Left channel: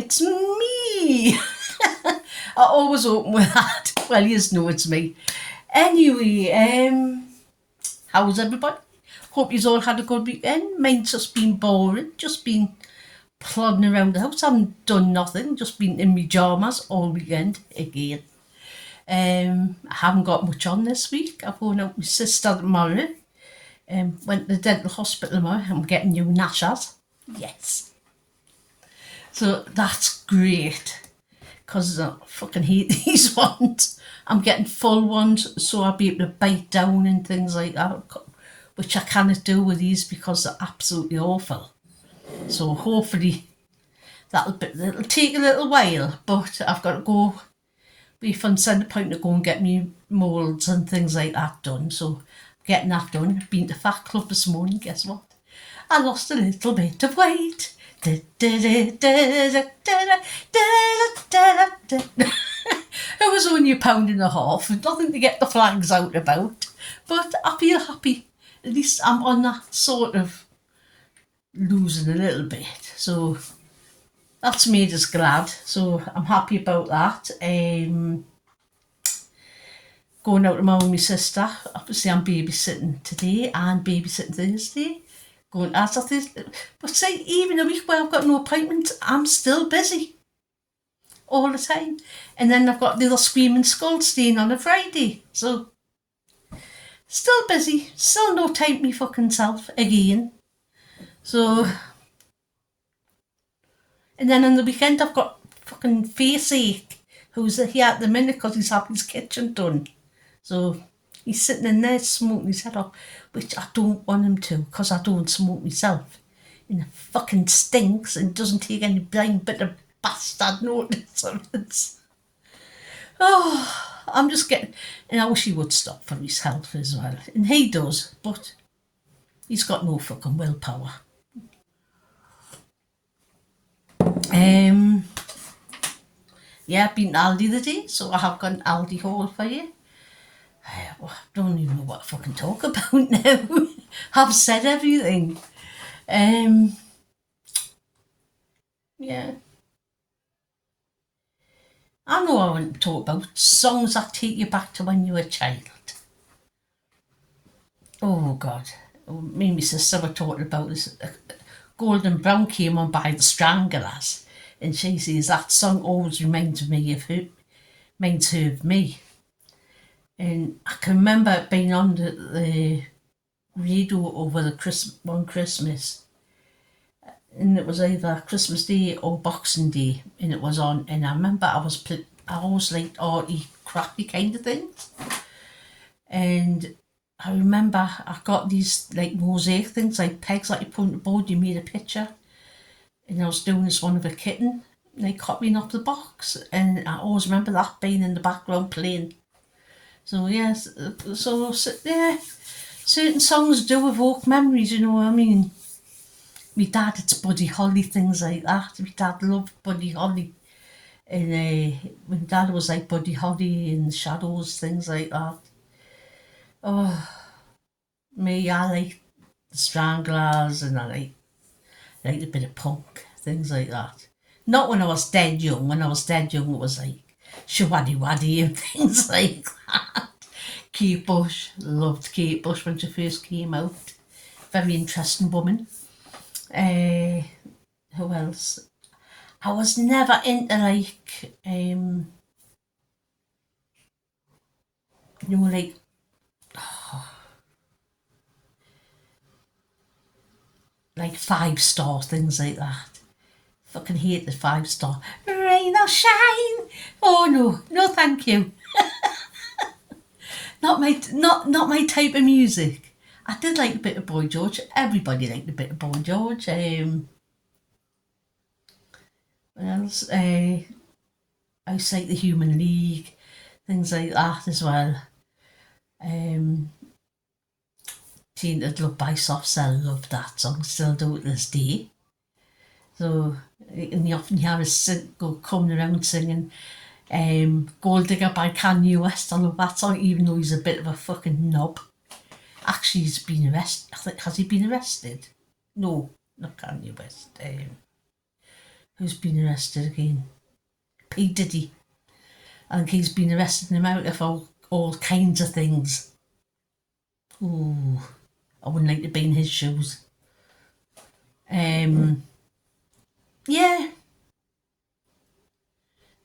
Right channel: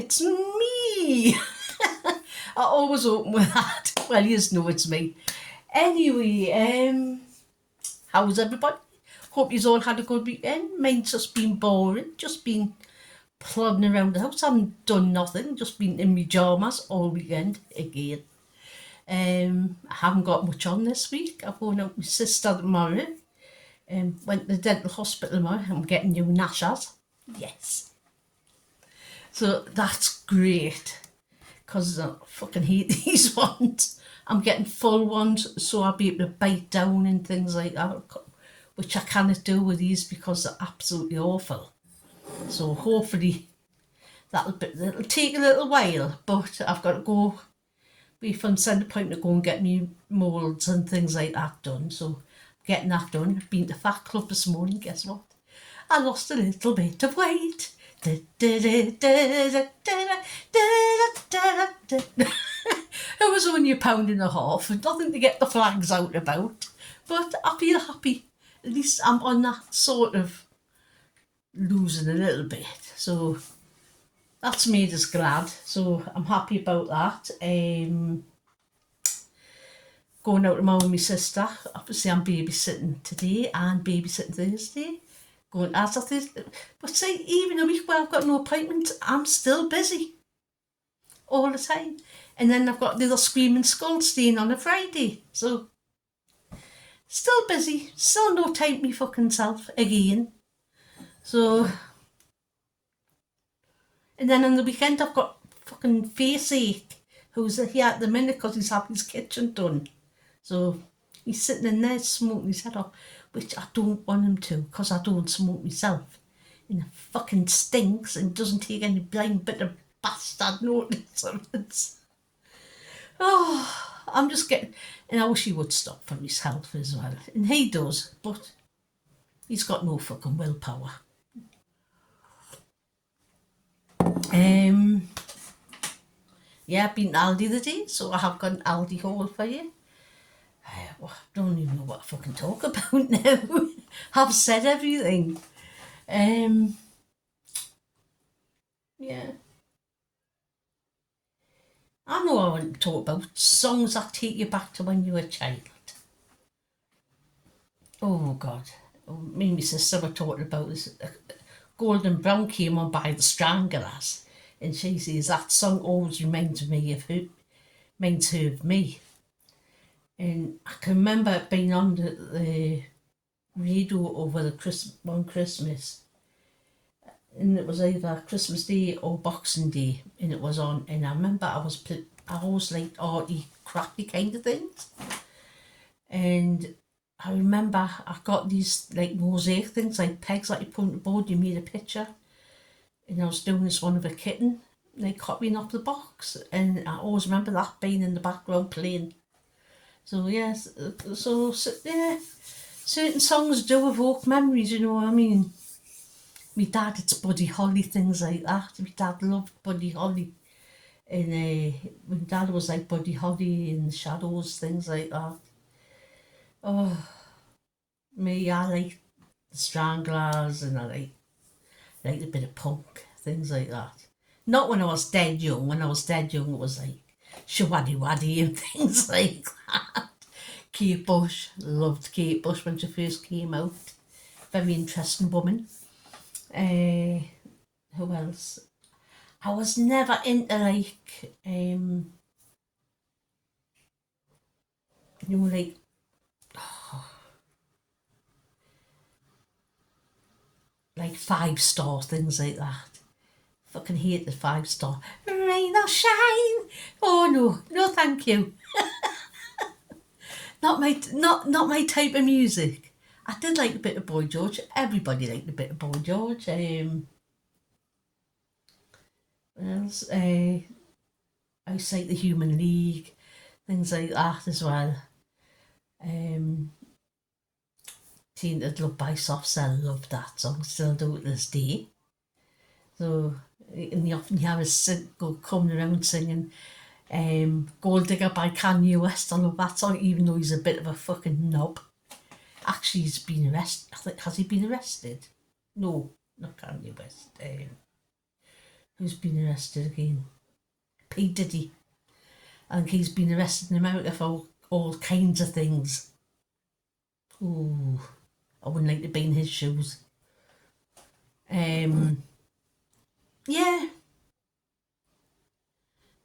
it's me. I always open with that. Well, you just know it's me. Anyway, how's everybody? Hope you all had a good weekend. Mine's just been boring. Just been plodding around the house. I haven't done nothing. Just been in my pyjamas all weekend again. I haven't got much on this week. I've gone out with my sister tomorrow. Went to the dental hospital tomorrow. I'm getting new gnashers. Yes. So that's great. Because I fucking hate these ones. I'm getting full ones so I'll be able to bite down and things like that, which I cannot do with these because they're absolutely awful. So hopefully it'll take a little while, but I've got to go be from centre point to go and get me moulds and things like that done. So I'm getting that done. Been to Fat Club this morning, guess what? I lost a little bit of weight. It was only £1.50 and nothing to get the flags out about, but I feel happy. At least I'm on that sort of losing a little bit, so that's made us glad. So I'm happy about that. Going out tomorrow with my sister. Obviously I'm babysitting today and babysitting Thursday. Going as I Thursday. But say, even a week where I've got no appointments, I'm still busy all the time. And then I've got the little screaming skull staying on a Friday. So still busy. Still no time to me fucking self again. So, and then on the weekend I've got fucking face ache, who's here at the minute because he's having his kitchen done. So he's sitting in there smoking his head off, which I don't want him to because I don't smoke myself. And it fucking stinks and doesn't take any blind bit of bastard notice of it. Oh, I'm just getting, and I wish he would stop for his health as well. And he does, but he's got no fucking willpower. Yeah, I've been to Aldi today, so I have got an Aldi haul for you. I don't even know what to fucking talk about now. I've said everything. Yeah. I know I want to talk about songs that take you back to when you were a child. Oh God. Me and my sister were talking about this. Golden Brown came on by the Stranglers, and she says that song always reminds me of her, reminds her of me. And I can remember it being on the radio over the one Christmas, and it was either Christmas Day or Boxing Day, and it was on. And I remember I always liked arty, crappy kind of things, and I remember I got these like mosaic things, like pegs that you put on the board, you made a picture. And I was doing this one of a kitten, like copying off the box. And I always remember that being in the background playing. So yes, yeah, certain songs do evoke memories, you know what I mean? My dad, it's Buddy Holly, things like that. My dad loved Buddy Holly. And my dad was like Buddy Holly in the Shadows, things like that. Oh, me, I like the Stranglers and I like a bit of punk, things like that. Not when I was dead young. When I was dead young, it was like Shawaddy Waddy and things like that. Kate Bush, loved Kate Bush when she first came out. Very interesting woman. Who else? I was never into like, like, like 5-star, things like that. Fucking hate the 5-star. Rain or shine. Oh no, thank you. not my type of music. I did like a bit of Boy George. Everybody liked a bit of Boy George. What else? I used to like the Human League, things like that as well. Tainted Love by Soft Cell, loved that song, still do it this day. So, and you often hear us go coming around singing Gold Digger by Kanye West. I love that song, even though he's a bit of a fucking knob. Actually, he's been arrested. Has he been arrested? No, not Kanye West. who's been arrested again. P. Diddy. I think he's been arrested in America for all kinds of things. Ooh, I wouldn't like to be in his shoes. Yeah.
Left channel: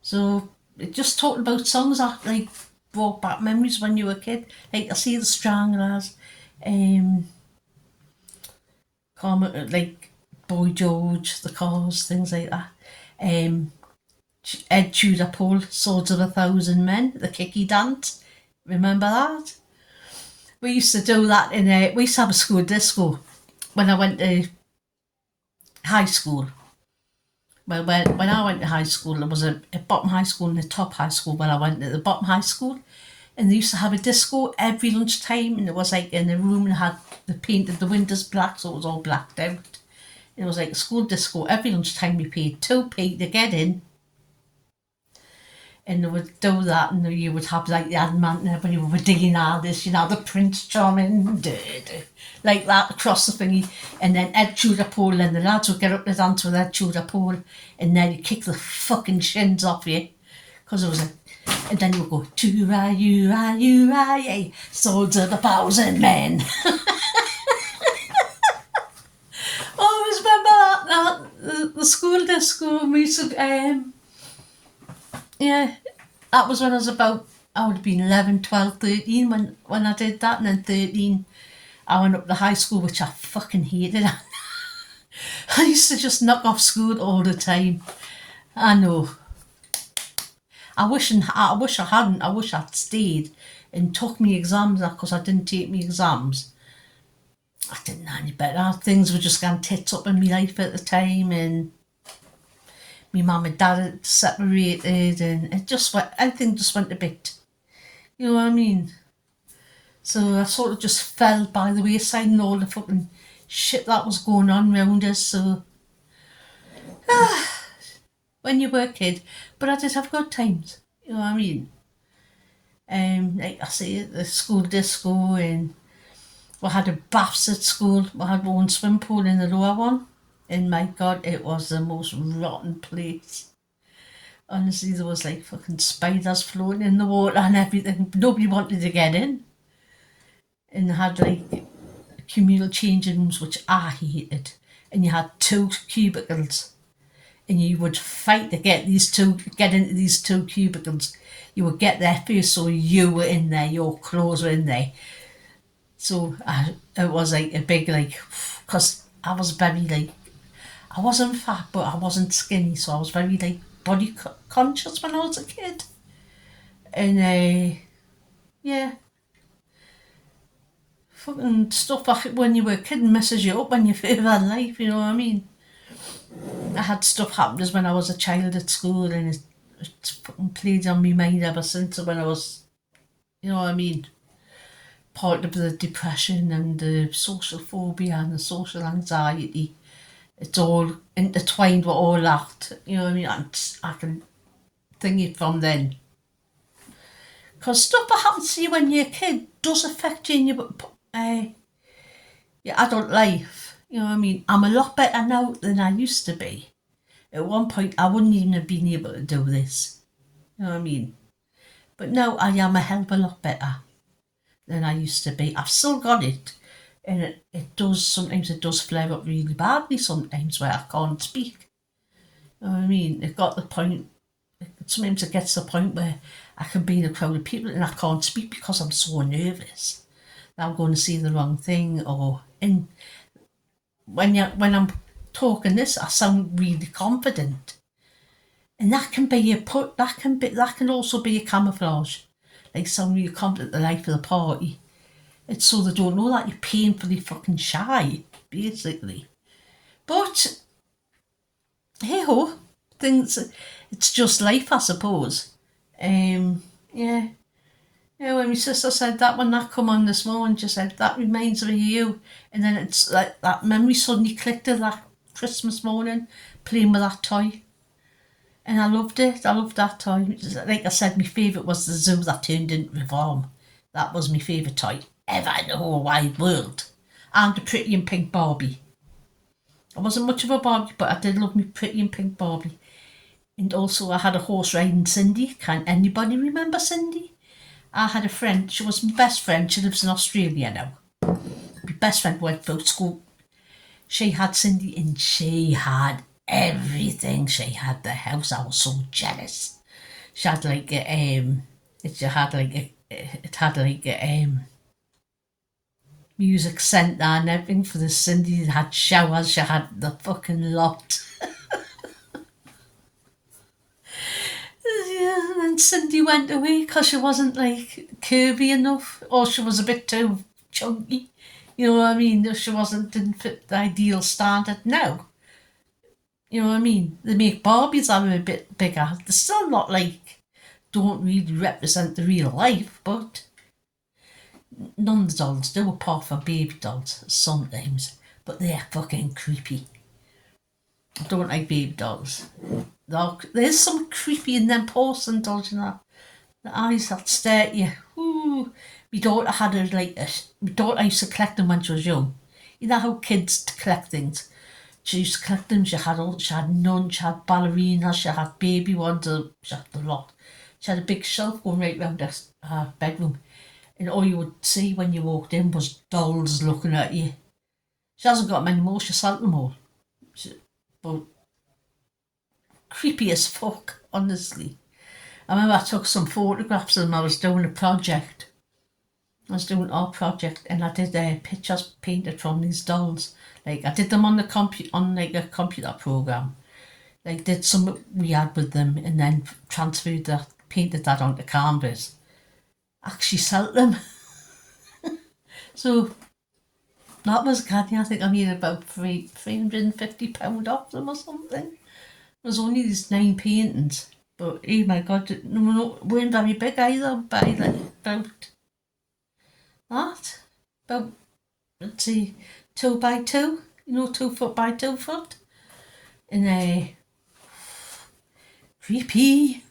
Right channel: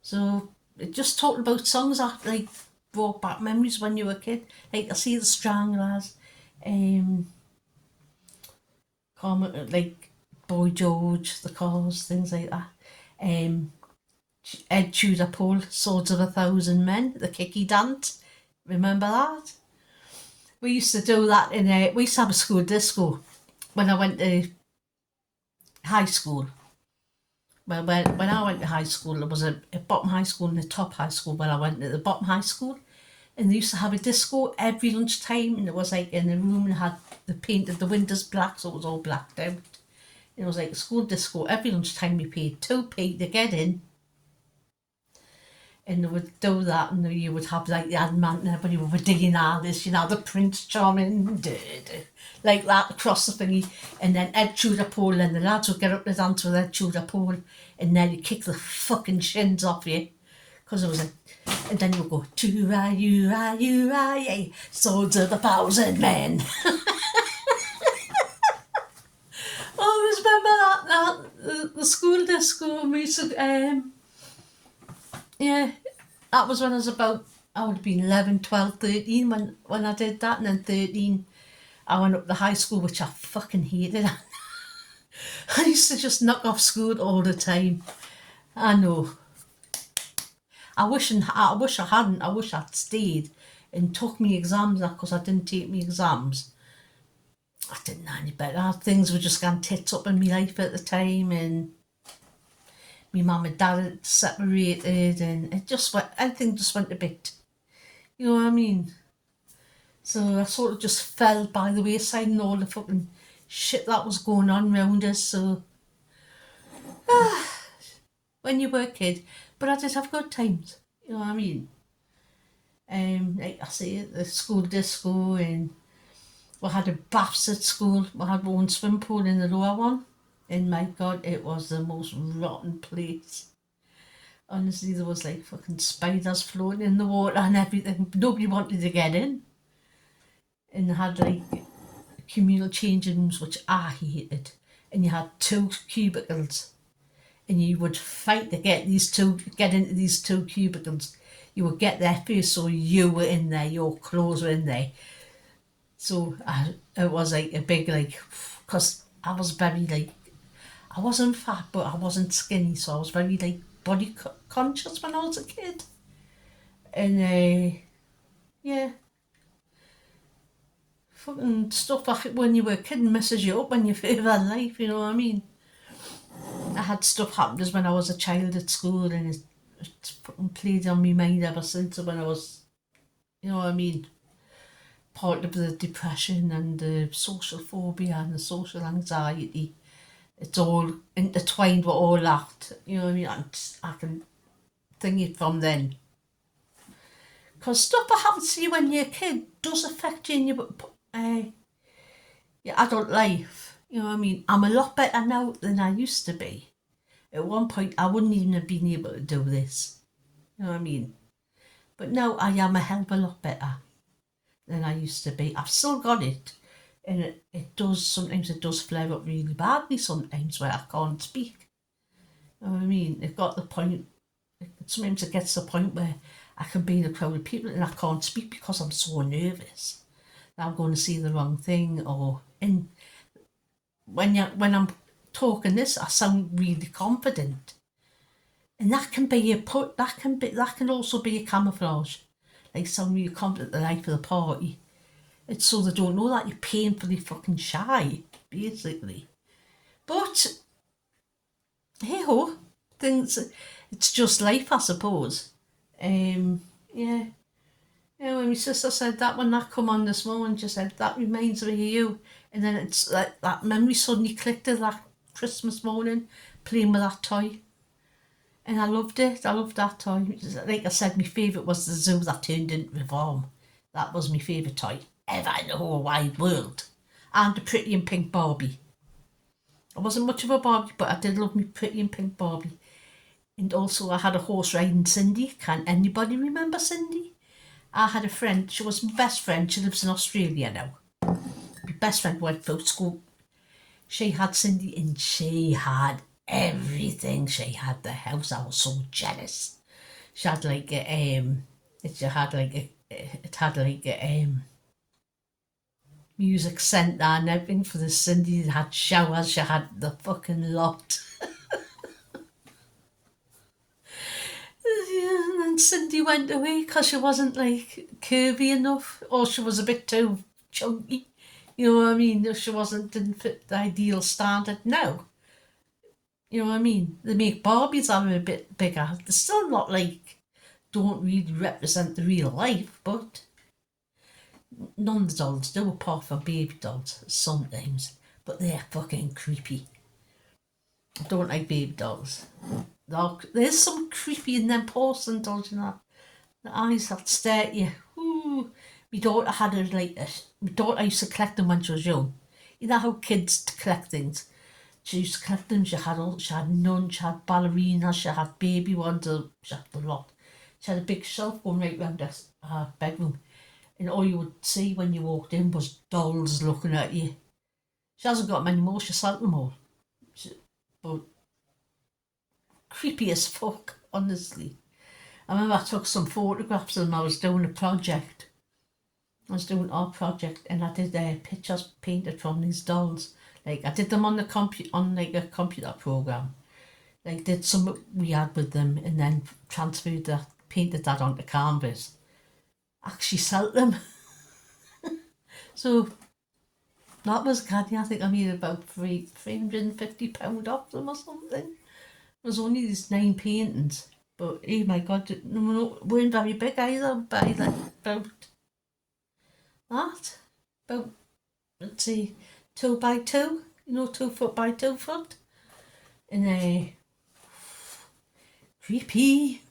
So it just talked about songs that like brought back memories when you were a kid. Like I see the Stranglers, like Boy George, the Cars, things like that. Ed Tudor Pole, Swords of a Thousand Men, the Kicky Dance. Remember that? We used to do that we used to have a school disco when I went to high school. Well, when I went to high school, there was a bottom high school and a top high school. When I went to the bottom high school, and they used to have a disco every lunchtime, and it was like in a room and they painted the windows black, so it was all blacked out. It was like a school disco. Every lunchtime we paid 2p to get in, and they would do that, and you would have like the Adamant and everybody would be digging out this, the Prince Charming, like that across the thingy, and then Ed Tudor Pole, and the lads would get up to dance with Ed Tudor Pole, and then he'd kick the fucking shins off you, because it was like, and then you would go, you swords of a thousand men. I always remember that the school disco, we used to, yeah, that was when I was about, I would have been 11, 12, 13 when I did that, and then 13, I went up to high school, which I fucking hated. I used to just knock off school all the time. I know. I wish I hadn't. I wish I'd stayed and took me exams because I didn't take me exams. I didn't know any better. Things were just going tits up in my life at the time, and my mum and dad had separated, and everything just went a bit, you know what I mean? So I sort of just fell by the wayside and all the fucking shit that was going on around us. So, when you were a kid, but I did have good times, you know what I mean? Like I say, the school disco, and we had a baths at school. We had our own swim pool in the lower one, and my God, it was the most rotten place. Honestly, there was like fucking spiders floating in the water and everything. Nobody wanted to get in. And they had like communal changing rooms, which I hated. And you had 2 cubicles. And you would fight to get into these 2 cubicles. You would get there first, so you were in there, your clothes were in there. So it was like a big, like, because I was very like, I wasn't fat, but I wasn't skinny, so I was very like body conscious when I was a kid. And yeah, fucking stuff like when you were a kid messes you up when you further in life, you know what I mean? I had stuff happen when I was a child at school, and it's fucking played on my mind ever since when I was, you know what I mean? Part of the depression and the social phobia and the social anxiety. It's all intertwined with all that, you know what I mean? I can think it from then. Because stuff that happens to you when you're a kid does affect you in your adult life, you know what I mean? I'm a lot better now than I used to be. At one point, I wouldn't even have been able to do this, you know what I mean? But now I am a hell of a lot better than I used to be. I've still got it. And sometimes it does flare up really badly sometimes where I can't speak. You know what I mean? Sometimes it gets to the point where I can be in a crowd of people and I can't speak because I'm so nervous that I'm going to say the wrong thing, and when I'm talking this, I sound really confident. And that can also be a camouflage. Like sound really confident the life of the party. It's so they don't know that you're painfully fucking shy, basically. But, hey ho, it's just life, I suppose. Yeah. Yeah, when my sister said that, when that come on this morning, she said, that reminds me of you. And then it's like that memory suddenly clicked of that Christmas morning, playing with that toy. And I loved it. I loved that toy. Like I said, my favourite was the zoo that turned into Reform. That was my favourite toy ever in the whole wide world. And the pretty and pink Barbie. I wasn't much of a Barbie, but I did love me pretty and pink Barbie. And also I had a horse riding Cindy. Can anybody remember Cindy? I had a friend, she was my best friend, she lives in Australia now. My best friend went to school. She had Cindy and she had everything. She had the house. I was so jealous. She had like it had like a music centre and everything for the Cindy. It had showers, she had the fucking lot. Yeah, and then Cindy went away because she wasn't like curvy enough, or she was a bit too chunky. You know what I mean? She didn't fit the ideal standard. No. You know what I mean? They make Barbies that are a bit bigger. They're still not like, don't really represent the real life, but none of the dolls do, apart from baby dolls sometimes. But they're fucking creepy. I don't like baby dolls. There's some creepy in them porcelain dolls, you know. The eyes that stare at you. Ooh. My daughter had my daughter used to collect them when she was young. You know how kids collect things? She used to collect them. She had nuns, she had ballerinas, she had baby ones, she had a lot. She had a big shelf going right round her bedroom. And all you would see when you walked in was dolls looking at you. She hasn't got many more, she sold them all. But creepy as fuck, honestly. I remember I took some photographs of them. I was doing a project. I was doing our project and I did pictures painted from these dolls. Like I did them on the like a computer program. Like did some we had with them and then painted that onto canvas. Actually sold them. So that was canny. I think I made about £350 off them or something. It was only these 9 paintings. But oh my god, weren't very big either by about that. About, let's see, 2 by 2, 2 foot by 2 foot. And creepy.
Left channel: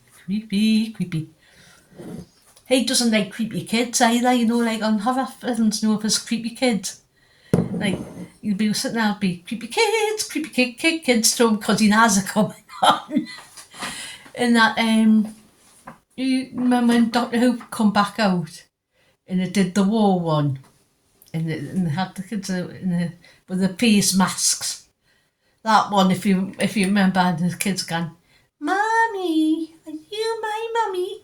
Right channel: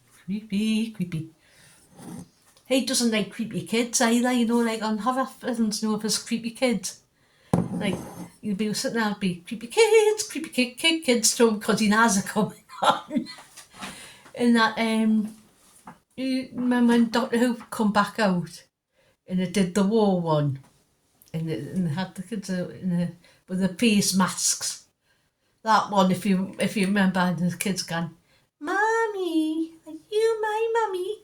He doesn't like creepy kids either, like on horror films, if it's creepy kids. Like, you'll be sitting there and be creepy kids thrown because he knows are coming on. And that, you remember when Doctor Who come back out and it did the war one and they had the kids with the face masks. That one, if you remember, and the kids going, "Mommy, are you my mummy?"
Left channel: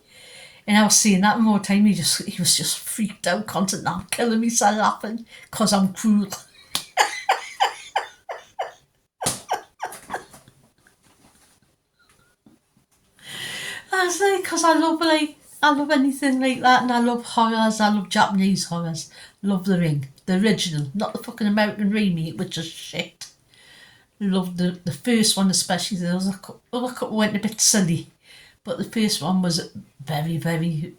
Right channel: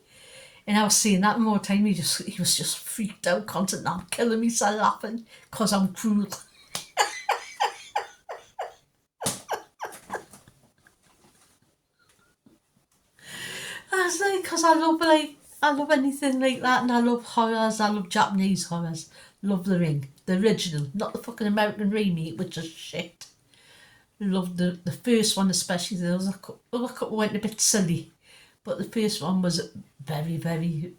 And I was seeing that more time. He was just freaked out, constantly. I'm killing myself laughing because I'm cruel. I was like, because I love anything like that, and I love horrors. I love Japanese horrors. Love The Ring, the original, not the fucking American remake, which is shit. Loved the first one especially. There was other couple went a bit silly, but the first one was very, very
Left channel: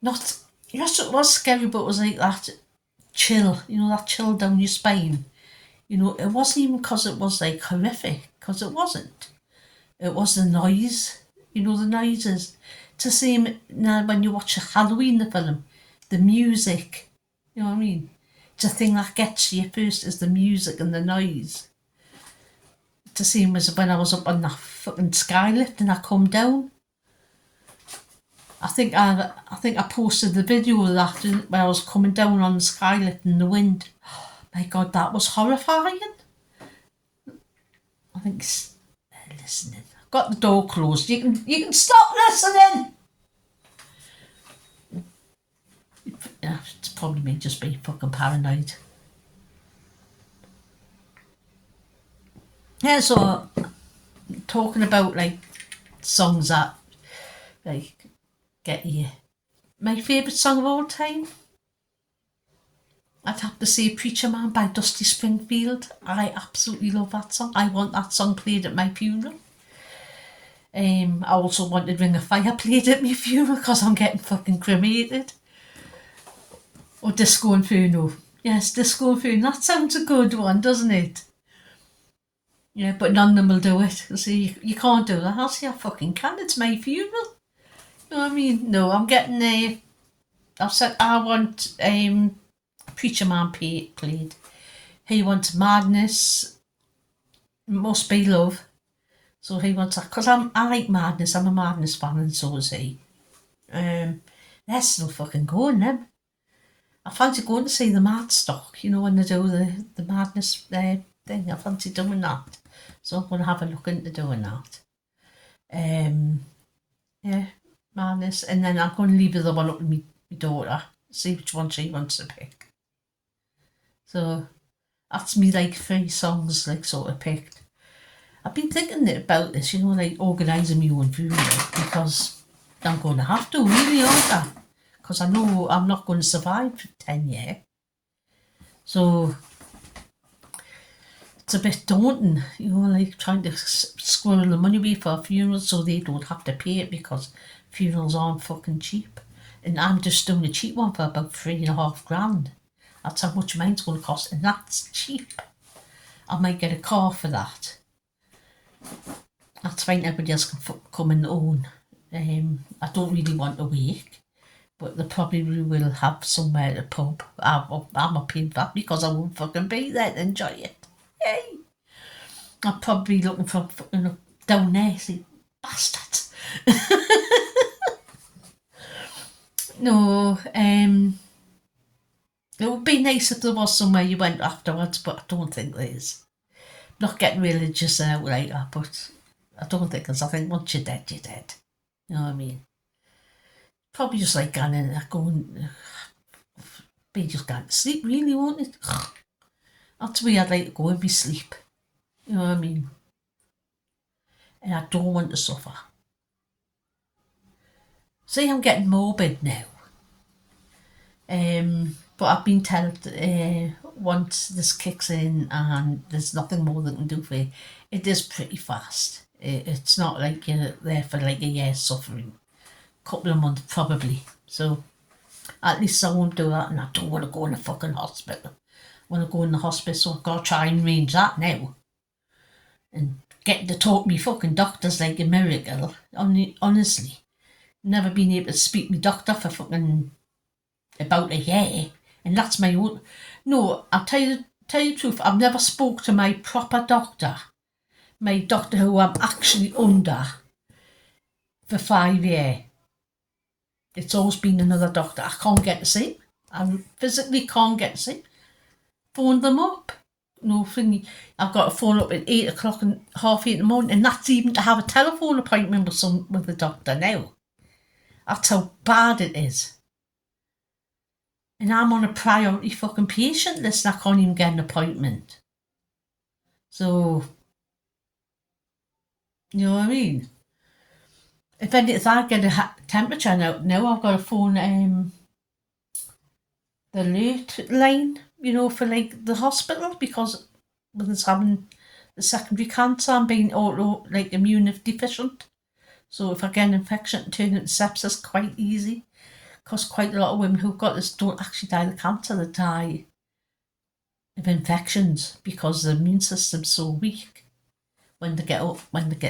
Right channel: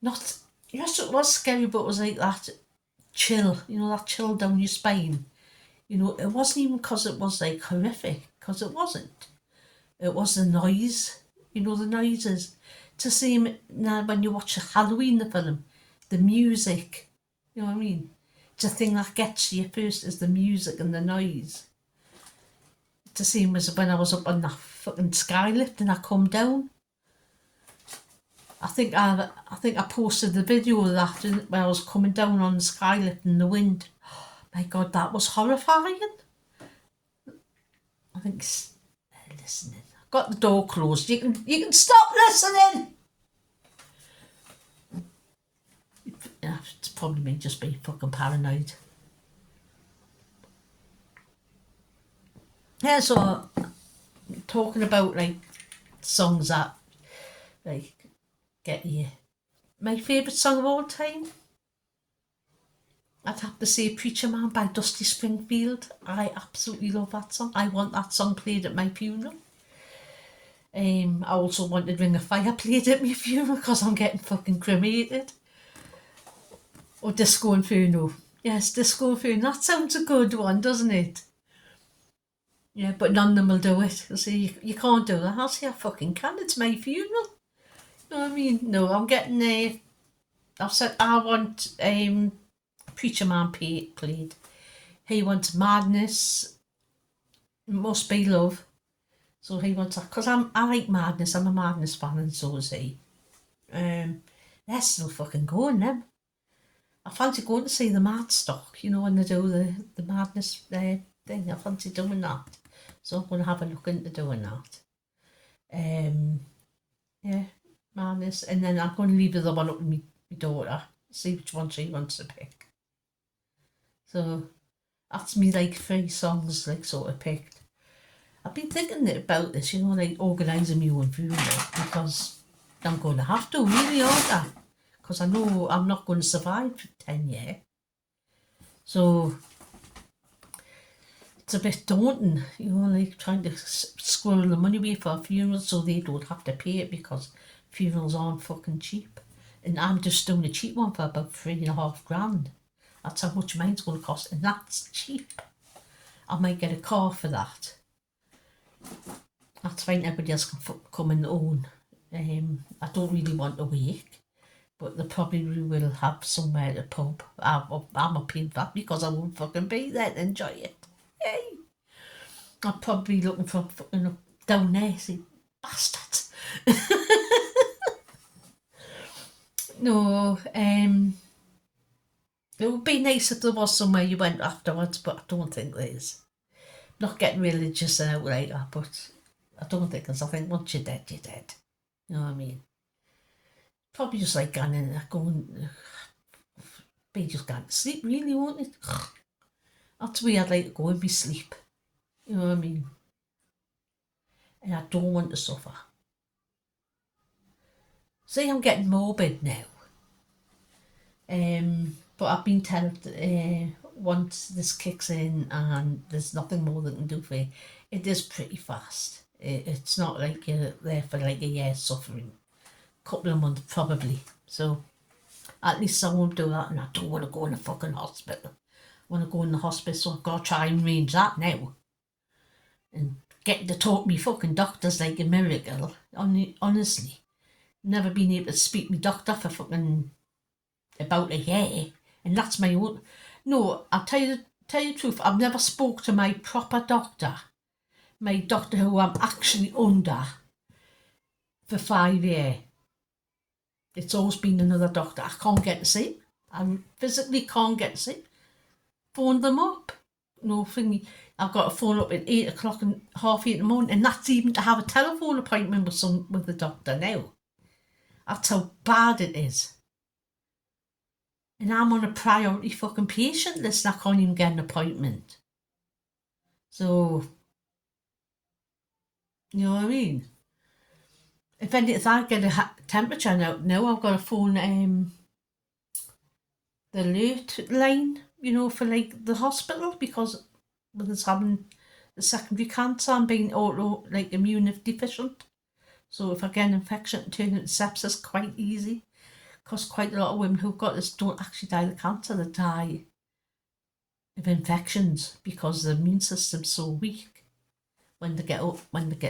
not. Yes, it was scary, but it was like that chill. That chill down your spine. It wasn't even because it was like horrific, because it wasn't. It was the noise. The noises. To see him now when you watch a Halloween the film, the music. You know what I mean? The thing that gets you first is the music and the noise. To see him was when I was up on that fucking skylift and I come down. I think I posted the video of that when I was coming down on the skylift in the wind. Oh, my God, that was horrifying. I think they're listening. I've got the door closed. You can stop listening. Yeah, it's probably me just being fucking paranoid. Yeah, so talking about like songs that like get you. My favourite song of all time, I'd have to say Preacher Man by Dusty Springfield. I absolutely love that song. I want that song played at my funeral. I also wanted Ring of Fire played at my funeral because I'm getting fucking cremated. Or Disco Inferno. Yes, Disco Inferno. That sounds a good one, doesn't it? Yeah, but none of them will do it. See, you can't do that. I'll say I fucking can. It's my funeral. You know what I mean? No, I'm getting I've said I want Preacher Man played. He wants Madness, Must Be Love. So he wants that, because I like Madness, I'm a Madness fan, and so is he. They're still fucking going, them. I fancy going to see the Mad Stock, you know, when they do the Madness thing. I fancy doing that. So I'm going to have a look into doing that. Yeah, Madness. And then I'm going to leave the other one up to my daughter, see which one she wants to pick. So that's me, like, 3 songs, like, sort of picked. I've been thinking about this, you know, like organising my own funeral, because I'm going to have to, really, aren't I? Because I know I'm not going to survive for 10 years. So it's a bit daunting, you know, like trying to squirrel the money away for a funeral so they don't have to pay it, because funerals aren't fucking cheap. And I'm just doing a cheap one for about $3,500. That's how much mine's going to cost, and that's cheap. I might get a car for that. That's fine, everybody else can come and own. I don't really want a wake, but they probably will have somewhere to pub. I'm not paying that because I won't fucking be there to enjoy it. Yay! I'm probably looking for fucking down there, see, bastards. No, it would be nice if there was somewhere you went afterwards, but I don't think there is. Not getting religious out like that, but I don't think there's. I think once you're dead, you're dead. You know what I mean? Probably just like going in there, be just going to sleep, really, won't it? That's where I'd like to go and be sleep. You know what I mean? And I don't want to suffer. See, I'm getting morbid now. But I've been told once this kicks in and there's nothing more they can do for you, it is pretty fast. It's not like you're there for like a year suffering. Couple of months probably. So at least I won't do that, and I don't want to go in the fucking hospital. I want to go in the hospice, so I've got to try and arrange that now. And getting to talk to me fucking doctor's like a miracle. Honestly. Never been able to speak to my doctor for fucking about a year. And that's my own. No, I'll tell you the truth, I've never spoke to my proper doctor. My doctor who I'm actually under for 5 years. It's always been another doctor. I can't get to see. I physically can't get to see. Phone them up. No thing. I've got to phone up at 8 o'clock and 8:30 in the morning, and that's even to have a telephone appointment with the doctor now. That's how bad it is. And I'm on a priority fucking patient list and I can't even get an appointment. So, you know what I mean? If I get a temperature now I've got to phone the alert line, you know, for like the hospital, because with us having the secondary cancer, I'm being like immune deficient. So if I get an infection and turn into sepsis quite easy, because quite a lot of women who've got this don't actually die of cancer, they die of infections because the immune system's so weak. When they get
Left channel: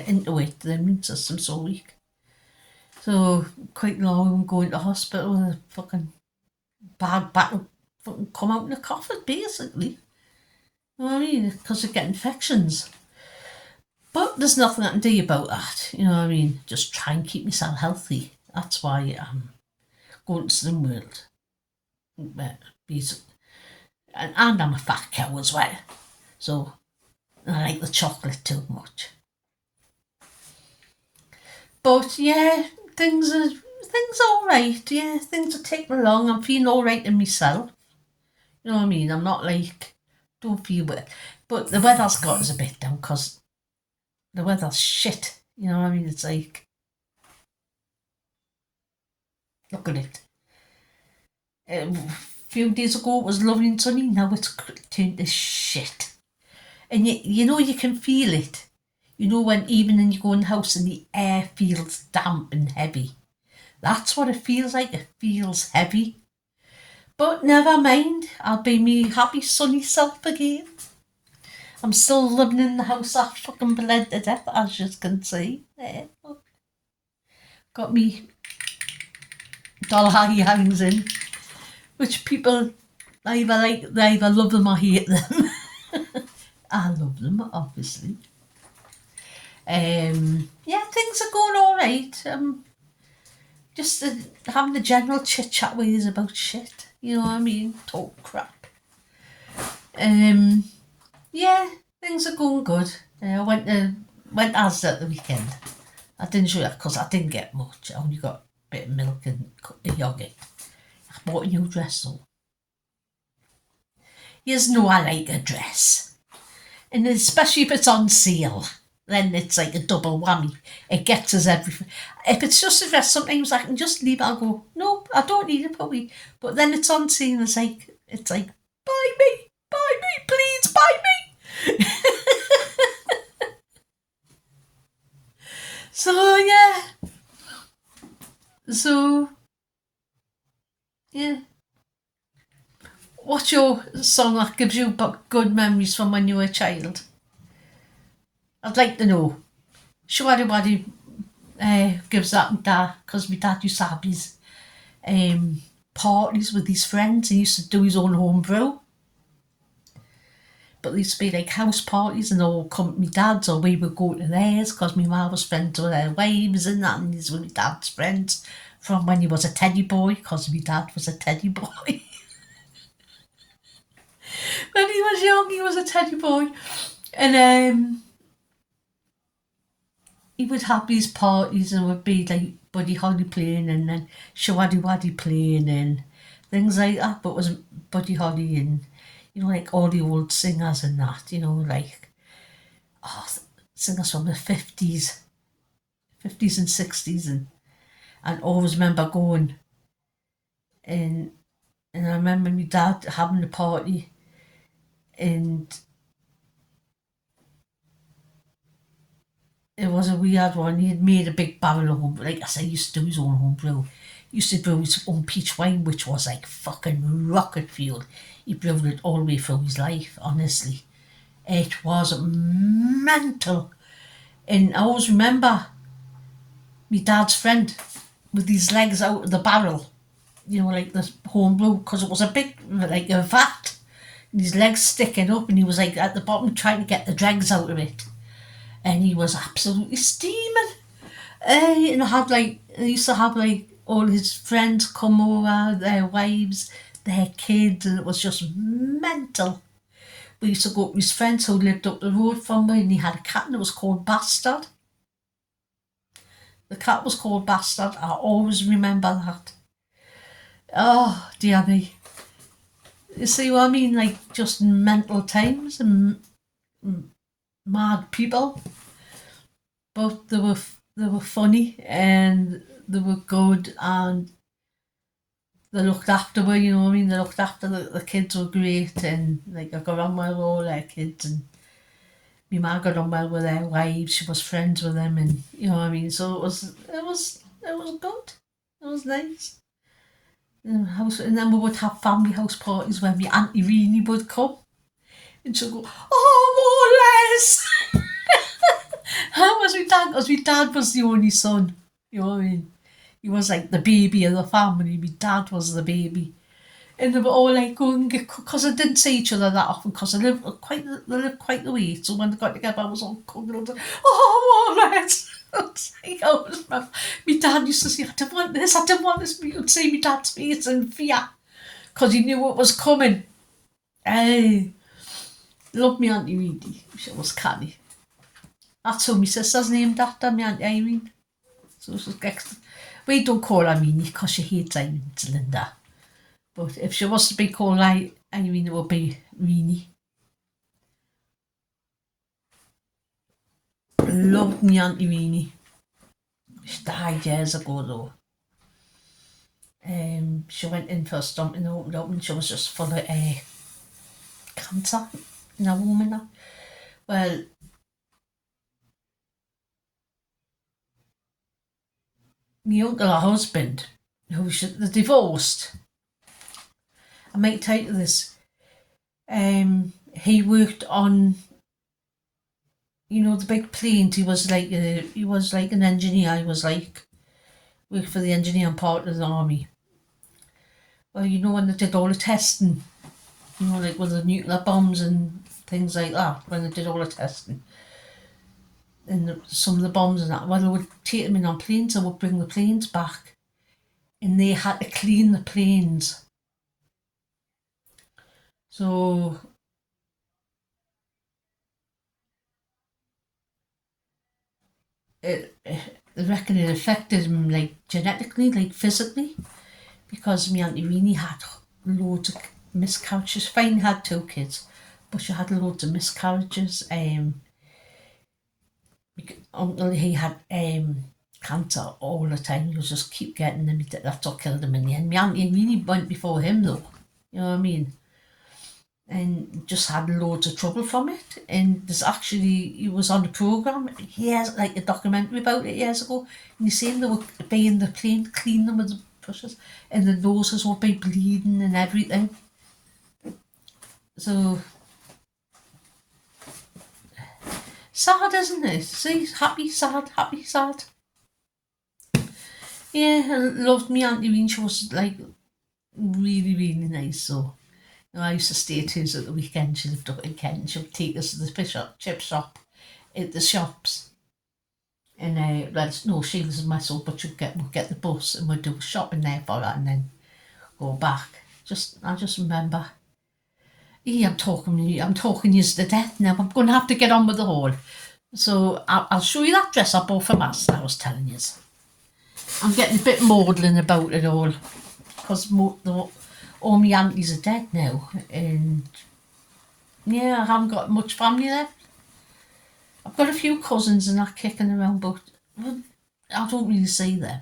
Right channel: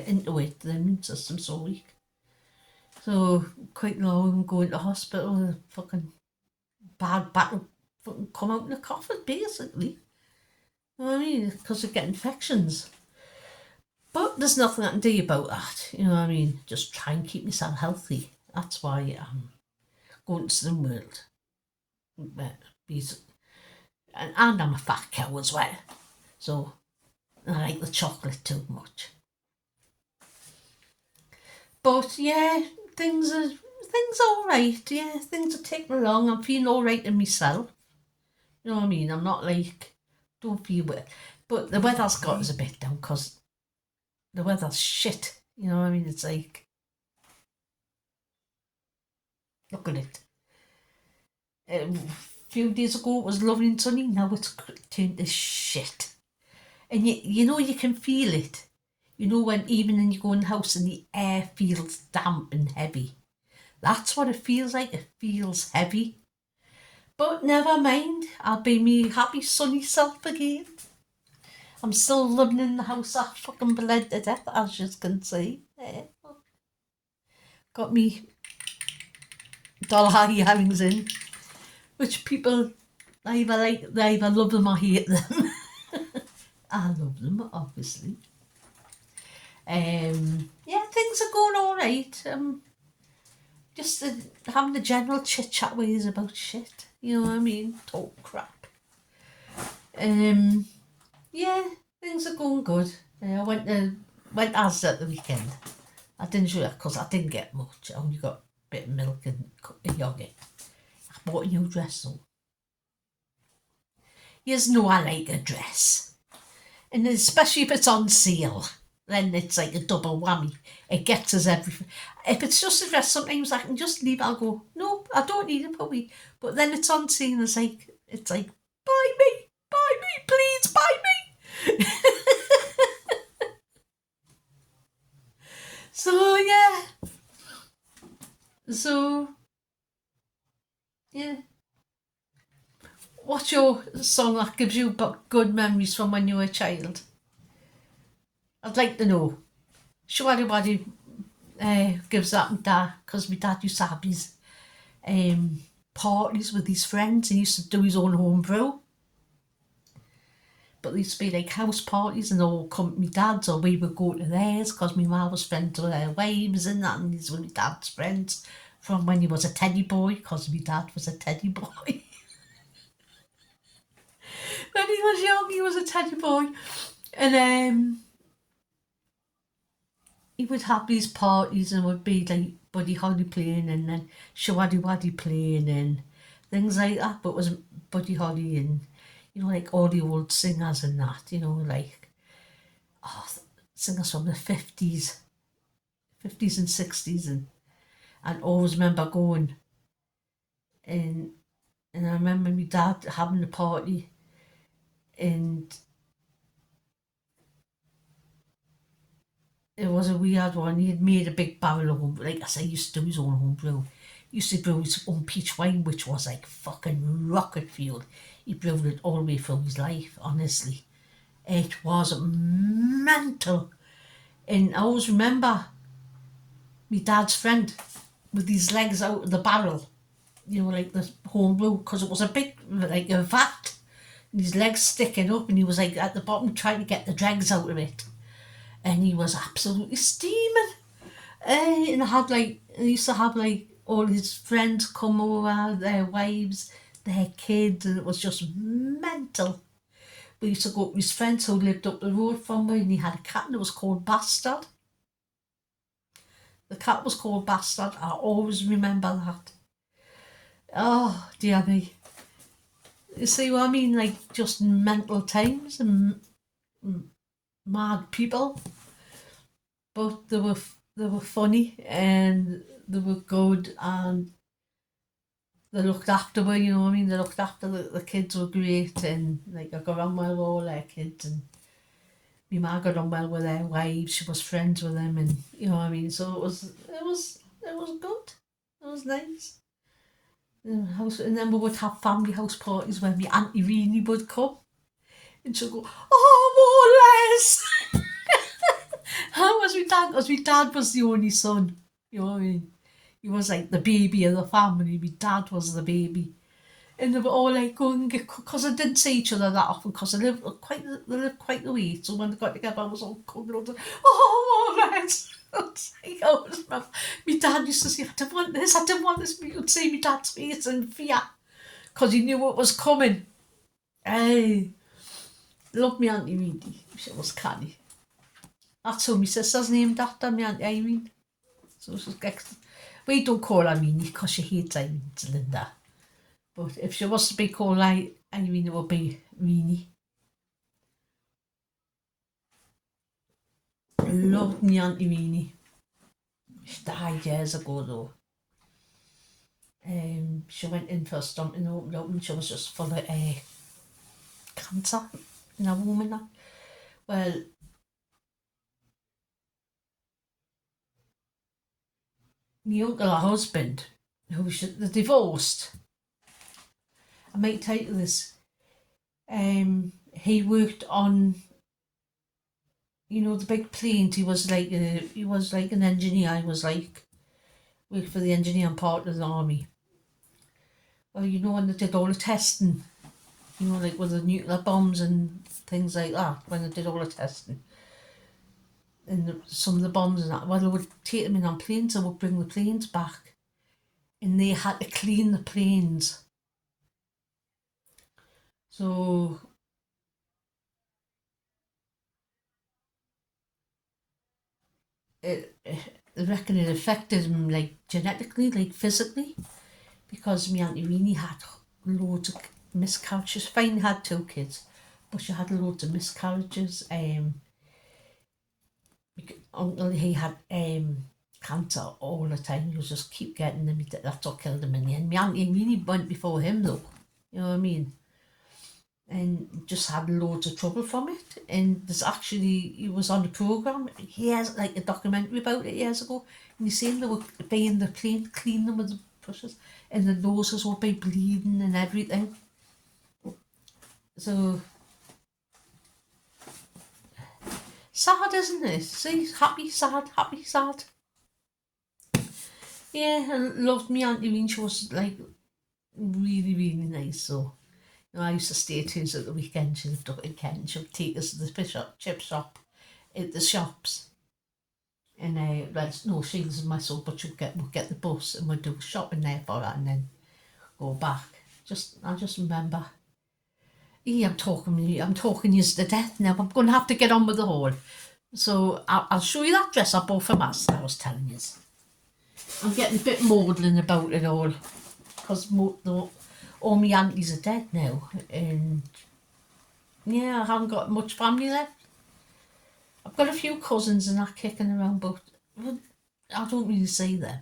into it, the immune system's so weak. So quite a lot of them go into hospital with a fucking bad battle, fucking come out in a coffin, basically. You know what I mean? Because they get infections. But there's nothing I can do about that. You know what I mean? Just try and keep myself healthy. That's why I'm going to Slim World. And I'm a fat cow as well. So I like the chocolate too much. But yeah, things are alright. Yeah, things are ticking along. I'm feeling alright in myself. You know what I mean? I'm not like, don't feel well. But the weather's got us a bit down because the weather's shit. You know what I mean? It's like, look at it. A few days ago it was lovely and sunny. Now it's turned to shit. And you know you can feel it. You know when even when you go in the house and the air feels damp and heavy. That's what it feels like. It feels heavy. But never mind. I'll be me happy sunny self again. I'm still living in the house I fucking bled to death, as you can see. Got me doll hangs in, which people either love them or hate them. I love them, obviously. Yeah, things are going all right. Just having the general chit chat with you about shit. You know what I mean? Talk crap. Yeah, things are going good. I went Asda at the weekend. I didn't show that because I didn't get much. I only got a bit of milk and a cup of yogurt. I bought a new dress though. You know I like a dress. And especially if it's on sale. Then it's like a double whammy. It gets us everything. If it's just a dress, sometimes I can just leave it. I'll go, no, I don't need it, puppy. But then it's on sale. It's like, buy me, please, buy me. So yeah. So yeah. What's your song that gives you good memories from when you were a child? I'd like to know. Shwaddy Waddy gives that and that because my dad used to have his parties with his friends. He used to do his own home brew. But there used to be like house parties and all come to my dad's, or we would go to theirs because my mum was friends with their wives and that, and these were my dad's friends from when he was a teddy boy, because my dad was a teddy boy. When he was young, he was a teddy boy. And he would have these parties and would be like Buddy Holly playing and then Shwaddy Waddy playing and things like that. But it was Buddy Holly and, you know, like all the old singers and that, you know, like singers from the 50s and 60s. And I always remember going and I remember my dad having a party and it was a weird one. He had made a big barrel of home, like I say, he used to do his own home brew. He used to brew his own peach wine, which was like fucking rocket fuel. He brewed it all the way through his life, honestly. It was mental. And I always remember my dad's friend with his legs out of the barrel, you know, like the home brew, because it was a big, like a vat, and his legs sticking up, and he was like at the bottom trying to get the dregs out of it. And he was absolutely steaming. And I used to have like all his friends come over, their wives, their kids, and it was just mental. We used to go to his friends who lived up the road from me, and he had a cat and it was called Bastard. The cat was called Bastard. I always remember that. Oh, dear me. You see what I mean? Like just mental times and mad people. But they were funny and they were good and they looked after me, you know what I mean? They looked after the kids were great and like I got on well with all their kids and my mum got on well with their wives, she was friends with them and you know what I mean? So it was good. It was nice. And then we would have family house parties where my Auntie Reenie would come and she'd go, oh, Les! How was my dad? Because my dad was the only son. You know what I mean? He was like the baby of the family. My dad was the baby. And they were all like going and get, because they didn't see each other that often because they lived quite the way. So when they got together, I was all coming on, oh, let's. My dad used to say, I didn't want this. But you could see my dad's face in fear because he knew what was coming. Hey, love me Auntie Reedy. She was canny. That's who my sister's named after, my Auntie Irene. So we don't call her Meanie because she hates Irene, it's Linda. But if she was to be called Irene, it would be Meanie. Loved me Auntie Meanie. She died years ago though. She went in for a stump and opened up and she was just full of cancer in a woman. Well, my uncle, her husband, who they divorced. I might tell you this. He worked on, you know, the big planes. He was like an engineer. He was like worked for the engineering part of the army. Well, you know when they did all the testing, you know, like with the nuclear bombs and things like that when they did all the testing. And some of the bombs and that, well, they would take them in on planes and would bring the planes back. And they had to clean the planes. So I reckon it affected him like genetically, like physically, because my Auntie Weenie had loads of miscarriages. Fine had 2 kids, but she had loads of miscarriages. Uncle, he had cancer all the time. He was just keep getting them. That's what killed him in the end. My Auntie Weenie went before him though. You know what I mean? And just had loads of trouble from it. And there's actually, he was on the programme years, like a documentary about it years ago, and you seen they were being the plane, clean them with the brushes, and the noses would be bleeding and everything. So sad, isn't it? See, happy, sad, happy, sad. Yeah, I loved me Auntie Ween. She was like really, really nice. So I used to stay at hers at the weekend. She lived up in Kent. She would take us to the chip shop at the shops. And well, no, she was myself, but we'd get the bus and we'd do shopping there for her and then go back. I just remember. I'm talking you to death now. I'm going to have to get on with the haul. So I'll show you that dress I bought from us that I was telling you. I'm getting a bit maudlin about it all because all my aunties are dead now, and yeah, I haven't got much family left. I've got a few cousins and that kicking around, but I don't really see them.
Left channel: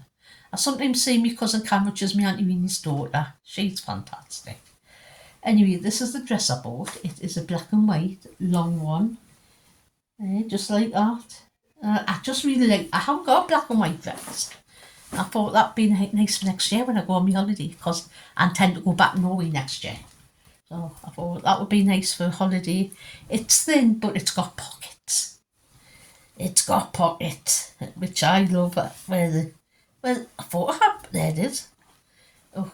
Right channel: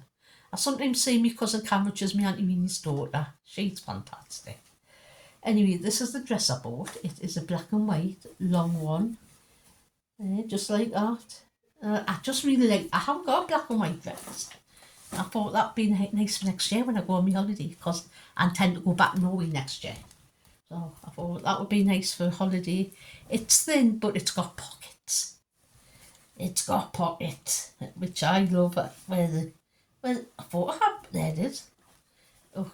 I sometimes see my cousin Cam, which is my Auntie Weenie's daughter. She's fantastic. Anyway, this is the dress I bought. It is a black and white long one, just like that. I just really like. I haven't got a black and white dress. I thought that'd be nice for next year when I go on my holiday, because I intend to go back to Norway next year. So I thought that would be nice for a holiday. It's thin, but it's got pockets. It's got pockets, which I love. Well, I thought I had, there it is. Oh,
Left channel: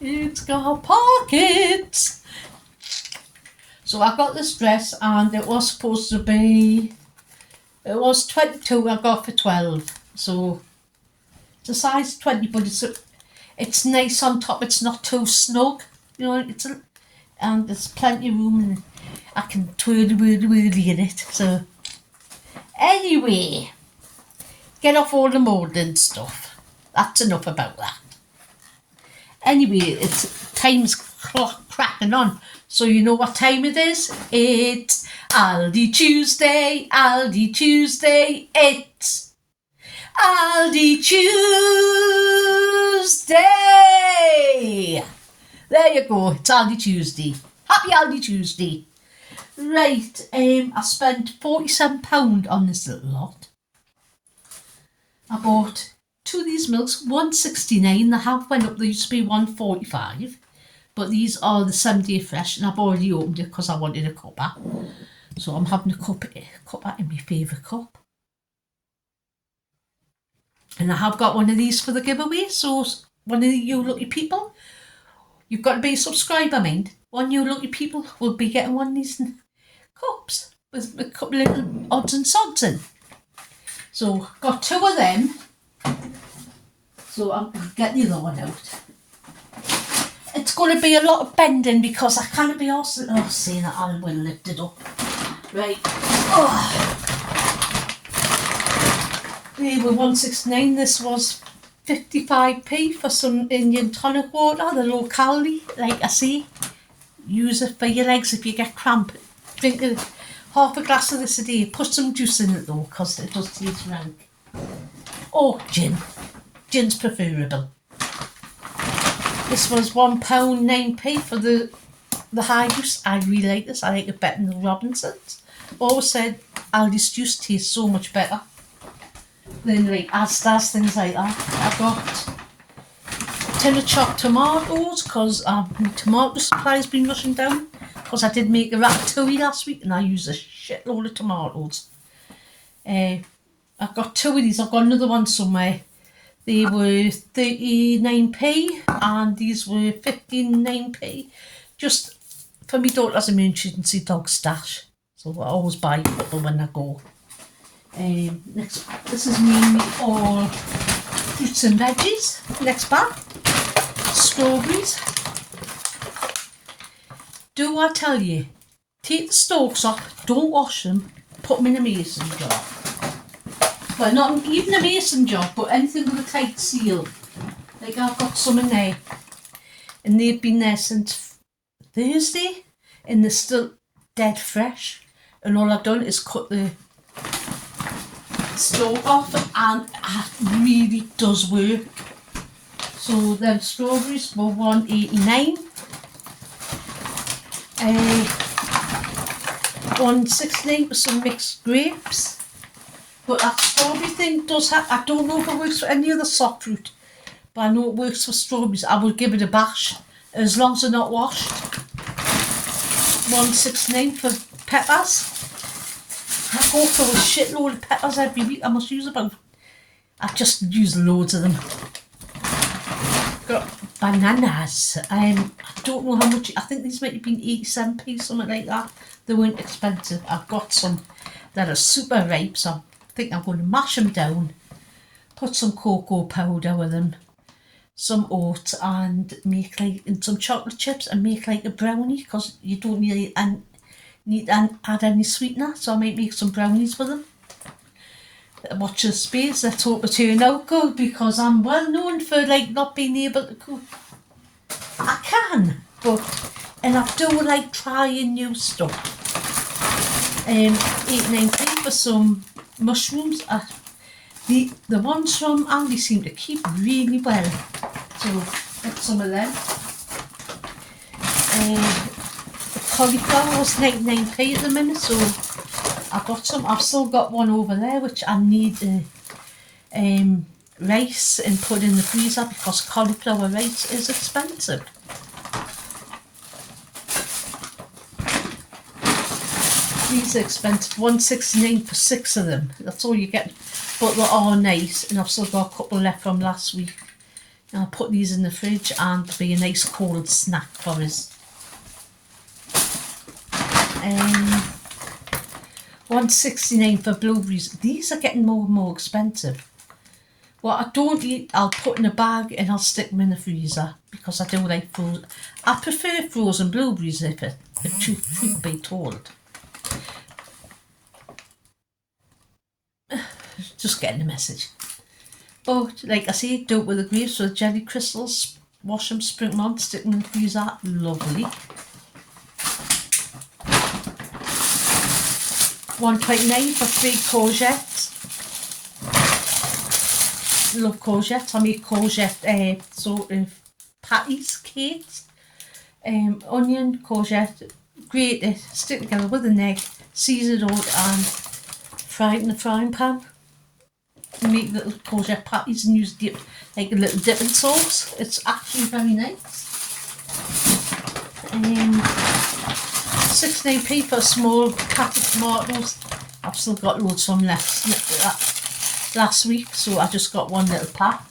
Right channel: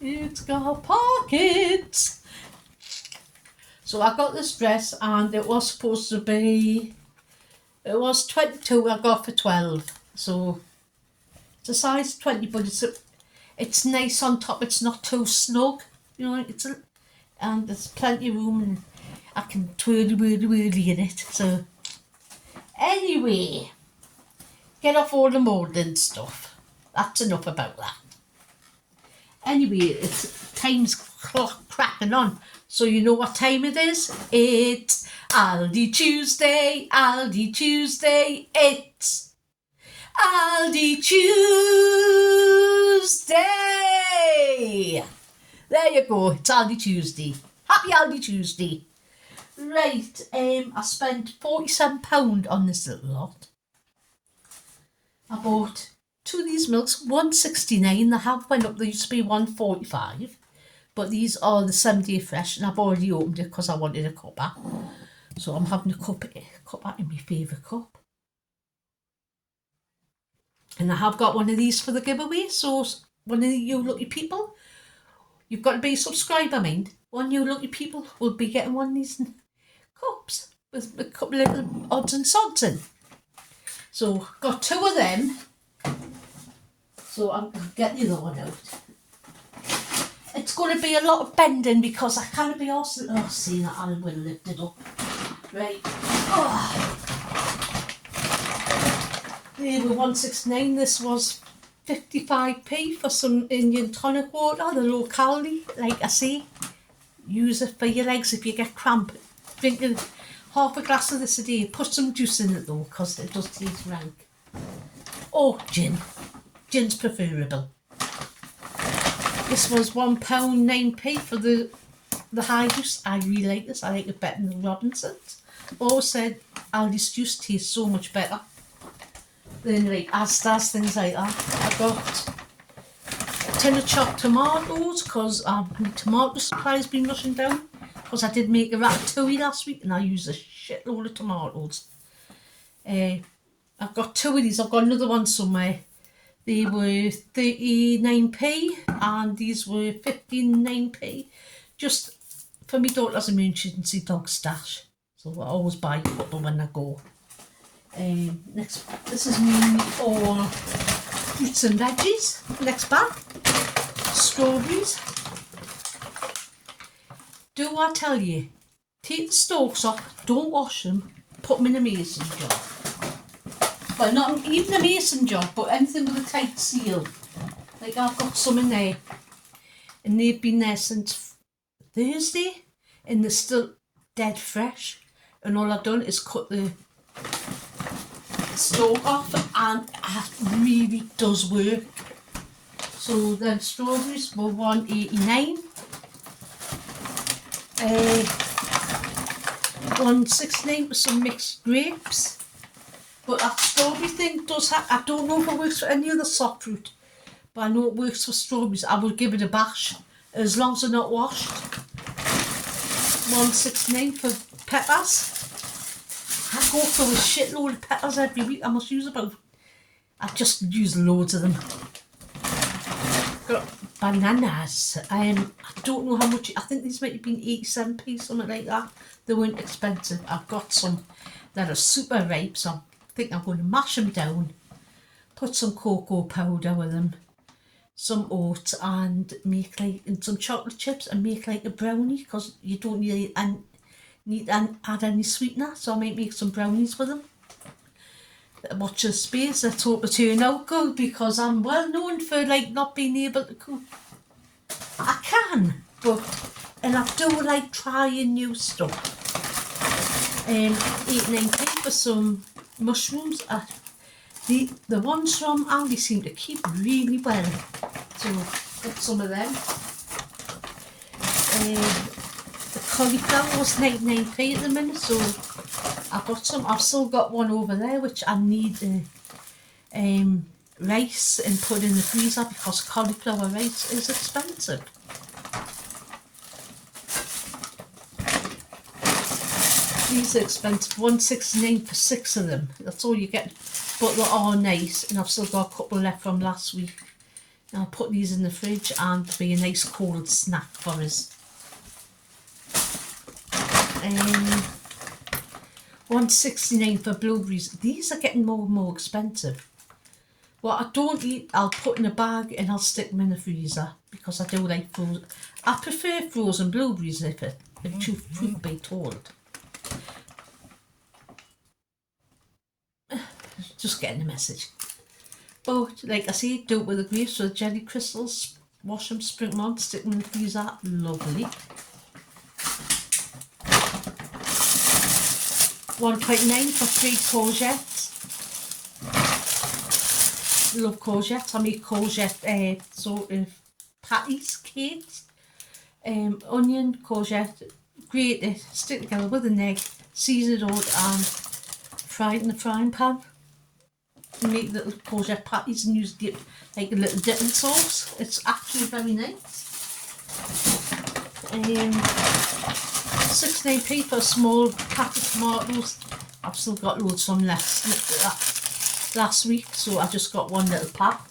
it's got pockets. So I got this dress and it was supposed to be, it was 22, I got for 12. So it's a size 20, but it's nice on top. It's not too snug, you know. And there's plenty of room, and I can twirly in it. So anyway, get off all the molding stuff. That's enough about that. Anyway, it's time's clock cracking on. So you know what time it is? It's Aldi Tuesday, Aldi Tuesday. It's Aldi Tuesday! There you go, it's Aldi Tuesday. Happy Aldi Tuesday. Right, I spent £47 on this little lot. I bought 2 of these milks, £1.69. They have went up, they used to be £1.45. But these are the 7-day fresh, and I've already opened it because I wanted a cuppa. So I'm having a cuppa in my favourite cup. And I have got one of these for the giveaway. So one of you lucky people, you've got to be a subscriber, mind. One of you lucky people will be getting one of these cups with a couple of little odds and sods in. So got 2 of them. So I'll get the other one out. It's going to be a lot of bending because I can't be also seeing that I will lift it up. Right. Oh. They were £1.69. This was 55p for some Indian tonic water, the locality. Like I say, use it for your legs if you get cramp. Drink half a glass of this a day. Put some juice in it though, because it does taste rank. Or gin. Gin's preferable. This was £1.09 for the high juice. I really like this. I like it better than Robinson's. Always said Aldi's juice tastes so much better than like Asda's, things like that. I've got a tin of chopped tomatoes because my tomato supply has been rushing down because I did make a ratatouille last week and I used a shitload of tomatoes. I've got 2 of these. I've got another one somewhere. They were 39p and these were 59p. Just for my daughter's emergency dog stash. So I always buy a couple when I go. Next, this is mainly all fruits and veggies. Next bag, strawberries. Do I tell you, take the stalks off, don't wash them, put them in a mason jar. Well, not even a mason jar, but anything with a tight seal. Like I've got some in there. And they've been there since Thursday, and they're still dead fresh. And all I've done is cut the stalk off, and it really does work. So then strawberries were $1.89. 1.69 for some mixed grapes. But that strawberry thing does have, I don't know if it works for any other soft fruit, but I know it works for strawberries. I will give it a bash as long as they're not washed. 1.69 for peppers. I go through a shitload of peppers every week. I must use about, I just use loads of them. Got bananas. I don't know how much, I think these might have been 87p, something like that. They weren't expensive. I've got some that are super ripe, so I think I'm going to mash them down, put some cocoa powder with them, some oats, and make like, and some chocolate chips, and make like a brownie, because you don't need to add any sweetener, so I might make some brownies with them. Watch the space, let's hope it turn out good, because I'm well known for like not being able to cook. I can, but, and I do like trying new stuff. 8.90 for some mushrooms. The ones from Aldi seem to keep really well, so get some of them. The cauliflower was 99p at the minute, so I got some. I've still got one over there which I need rice and put in the freezer, because cauliflower rice is expensive. These are expensive, 1.69 for 6 of them. That's all you get, but they are nice, and I've still got a couple left from last week. And I'll put these in the fridge, and it'll be a nice cold snack for us. 1.69 for blueberries. These are getting more and more expensive. What I don't eat, I'll put in a bag and I'll stick them in the freezer, because I do like frozen. I prefer frozen blueberries if truth be told. Just getting the message. But like I say, do it with the grapes with jelly crystals. Wash them, sprinkle them on, stick them in the freezer. Lovely. 1.29 for 3 courgettes. Love courgettes. I make courgette sort of patties, cakes. Onion, courgette, grate it, stick together with an egg, season it all, and fry it in the frying pan. Make little courgette patties and use dip, like a little dipping sauce. It's actually very nice. 16p for a small pack of tomatoes. I've still got loads from last week, so I just got one little pack.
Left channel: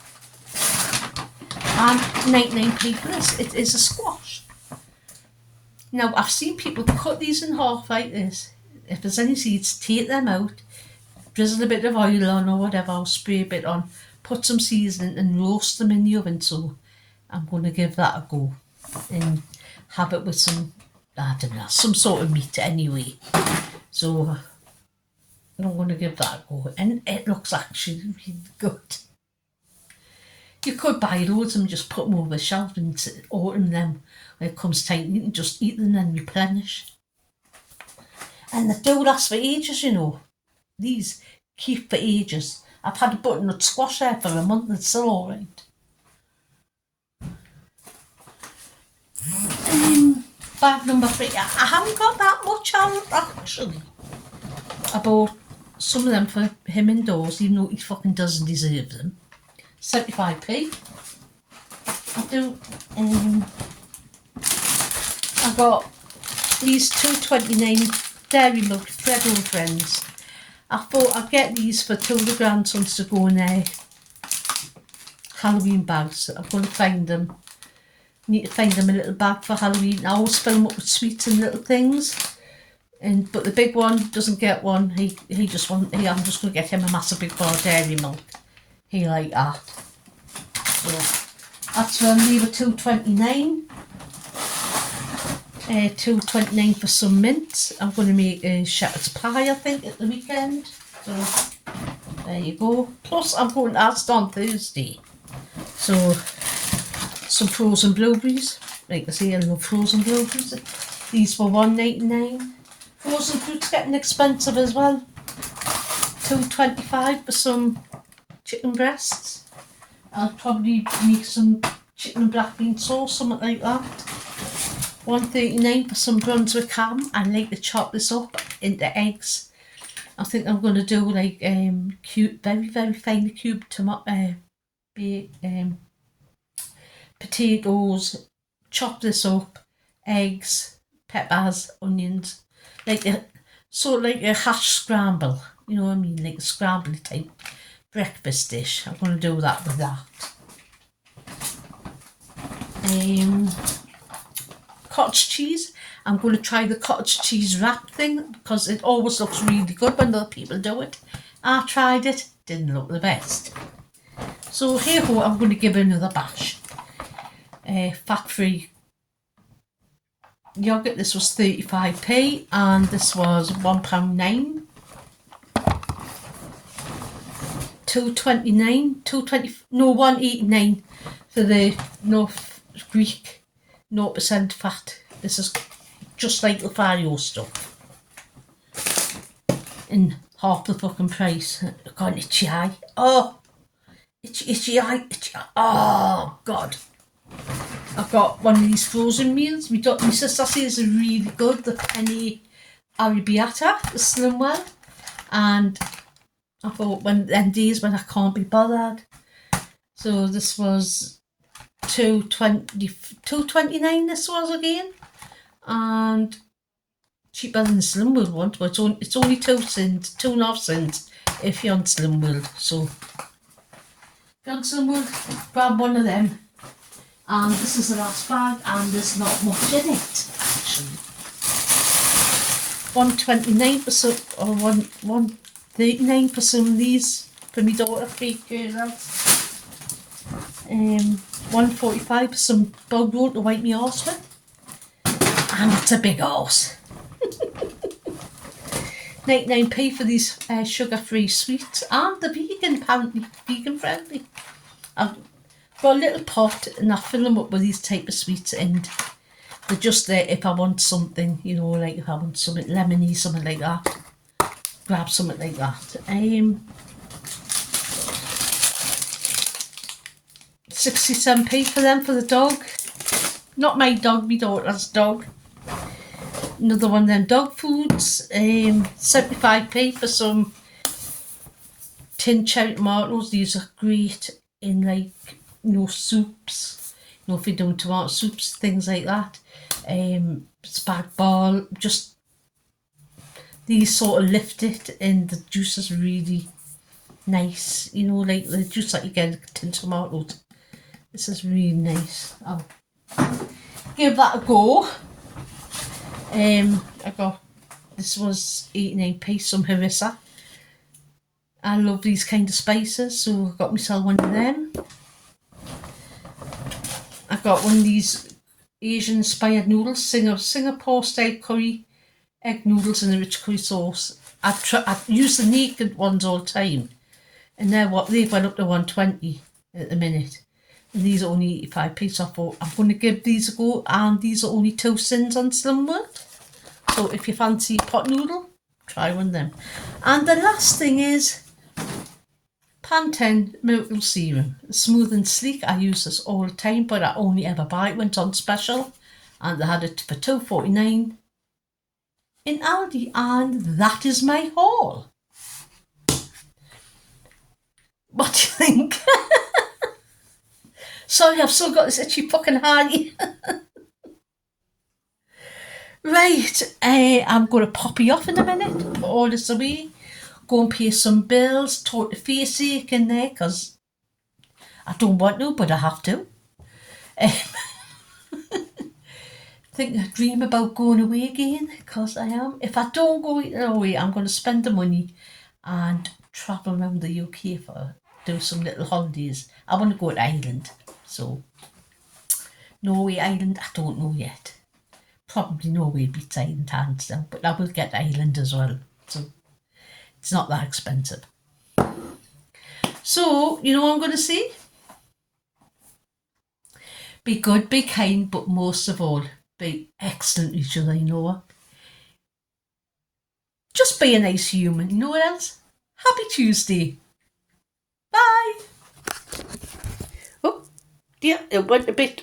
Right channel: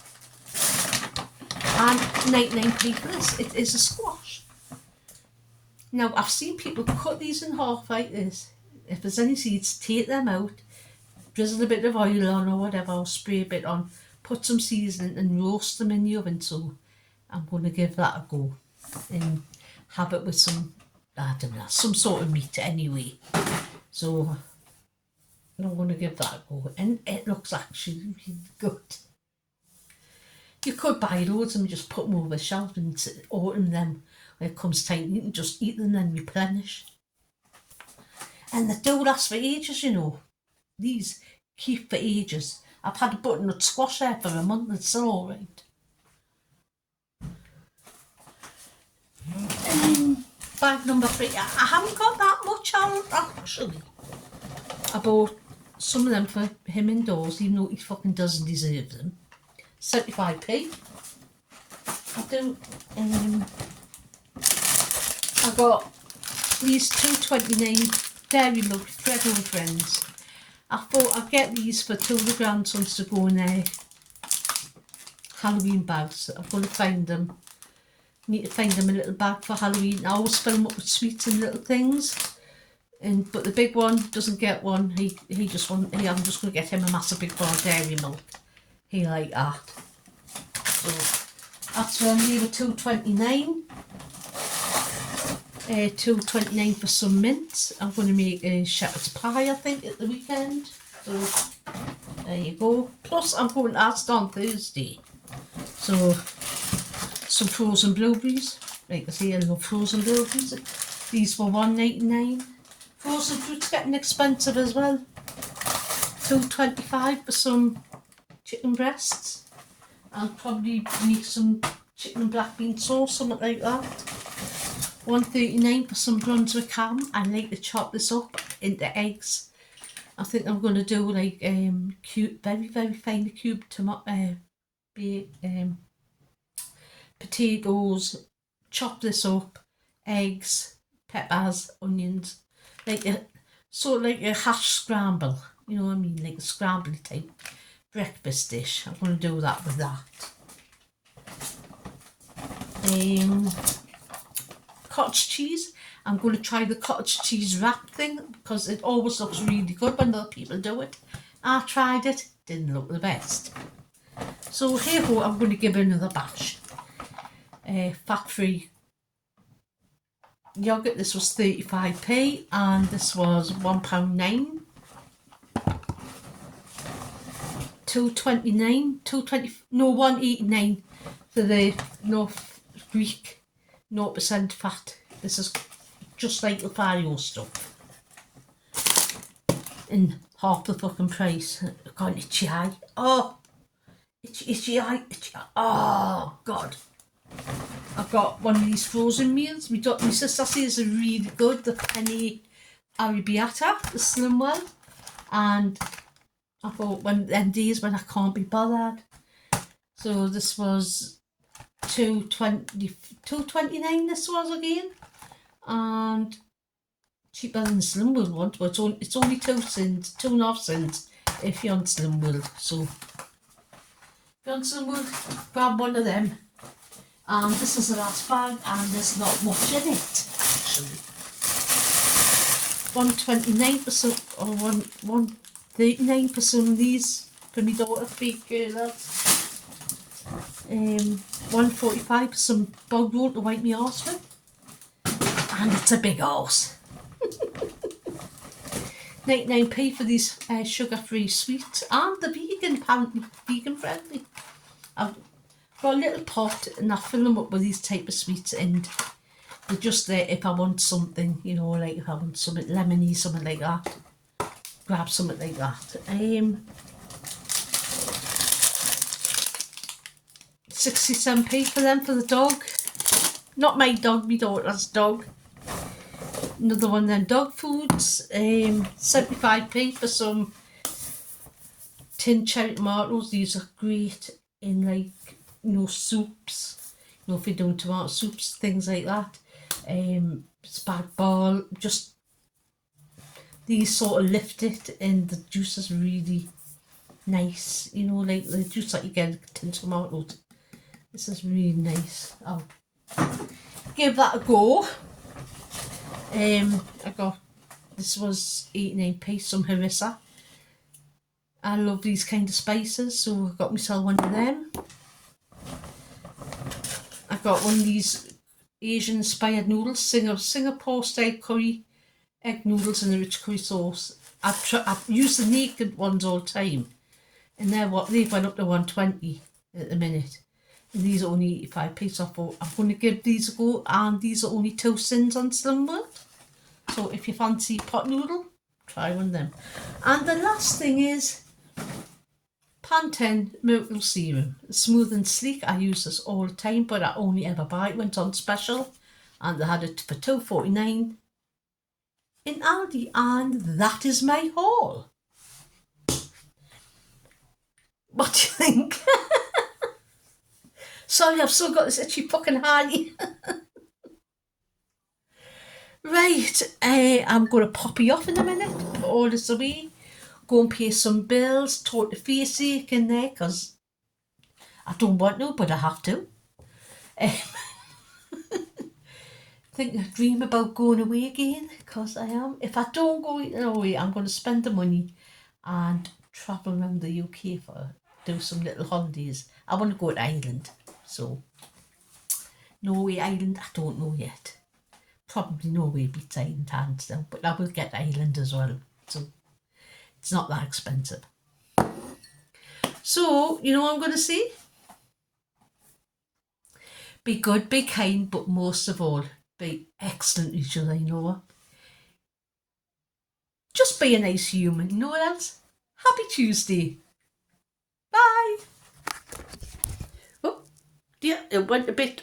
And 99p for this. It is a squash. Now I've seen people cut these in half like this. If there's any seeds, take them out, drizzle a bit of oil on or whatever, or spray a bit on, put some seasoning and roast them in the oven. So I'm going to give that a go and have it with some, I don't know, some sort of meat anyway. So I'm going to give that a go, and it looks actually really good. You could buy loads and just put them over the shelf and autumn them when it comes time. You can just eat them and replenish. And they do last for ages, you know. These keep for ages. I've had a butternut squash there for a month, it's still alright. Bag number 3. I haven't got that much out actually. I bought some of them for him indoors, even though he fucking doesn't deserve them. 75p. I do. I got these 2.29 Dairy Milk Thread on Friends. I thought I'd get these for 2 of the grandsons to go in their Halloween bags. I'm going to find them. Need to find them a little bag for Halloween. I always fill them up with sweets and little things. But the big one doesn't get one. I'm just going to get him a massive big bar of dairy milk. He like that. So that's where I'll leave it $2.29. $2.29 for some mints. I'm going to make a shepherd's pie, I think, at the weekend. So there you go. Plus I'm going to Asda on Thursday. So some frozen blueberries. Like I say, I love frozen blueberries. These were $1.99. Frozen fruit's getting expensive as well. $2.25 for some chicken breasts. I'll probably make some chicken and black bean sauce, something like that. $1.39 for some Brunswick ham. I like to chop this up into eggs. I think I'm going to do like cube, very finely cubed potatoes. Chop this up, eggs, peppers, onions, like a hash scramble. You know what I mean, like a scramble type breakfast dish. I'm going to do that with that. Cottage cheese. I'm going to try the cottage cheese wrap thing because it always looks really good when other people do it. I tried it, didn't look the best. So here we go, I'm going to give it another bash. Fat-free yogurt. This was 35p and this was £1.09. $1.89 for the North Greek 0% fat. This is just like the Fario stuff. And half the fucking price. I got an itchy eye. Oh, itchy eye. Oh, God. I've got one of these frozen meals. My sister says are really good. The penny arrabbiata, the slim one. And I thought them days when I can't be bothered. So this was $2.29 this was again. And cheaper than the Slim World one, but it's only 2.5 cents if you're on Slim World. So if you're on Slim World, grab one of them. And this is the last bag, and there's not much in it actually. $1.29 for some, or $1.39 for some of these for my daughter, fake girls. $1.45 for some bog roll to wipe me arse with. And it's a big horse. 99p for these sugar-free sweets, and the vegan, apparently vegan friendly. I've got a little pot and I fill them up with these type of sweets, and they're just there if I want something, you know, like if I want something lemony, something like that. Grab something like that. 67p for them for the dog. Not my dog, my daughter's dog. Another one of them dog foods. 75p for some tin cherry tomatoes. These are great in like, you know, soups. You know, if you're doing tomato soups, things like that. Spag bol. Just these sort of lift it, and the juice is really nice. You know, like the juice that you get in tin tomatoes. This is really nice. I'll give that a go. I got, this was 89p, some harissa. I love these kind of spices, so I got myself one of them. I got one of these Asian inspired noodles, Singapore style curry, egg noodles in a rich curry sauce. I use the naked ones all the time, and they've went up to 120 at the minute. And these are only 85p, so I thought I'm going to give these a go, and these are only 2 cents on Slim World. So if you fancy pot noodle, try one of them. And the last thing is Pantene Miracle Serum. Smooth and sleek. I use this all the time, but I only ever buy it when it's on special. And they had it for $2.49 in Aldi. And that is my haul. What do you think? Sorry, I've still got this itchy fucking eye. Right, I'm going to pop you off in a minute, put all this away, go and pay some bills, talk the face ache in there, because I don't want to, but I have to. think I dream about going away again, because I am. If I don't go away, I'm going to spend the money and travel around the UK for do some little holidays. I want to go to Ireland, so Norway, Ireland, I don't know yet. Probably Norway beats Ireland hands down, but I will get Ireland as well, so it's not that expensive. So, you know what I'm going to say? Be good, be kind, but most of all, be excellent to each other, you know what? Just be a nice human, you know what else? Happy Tuesday. Bye. Oh, dear, it went a bit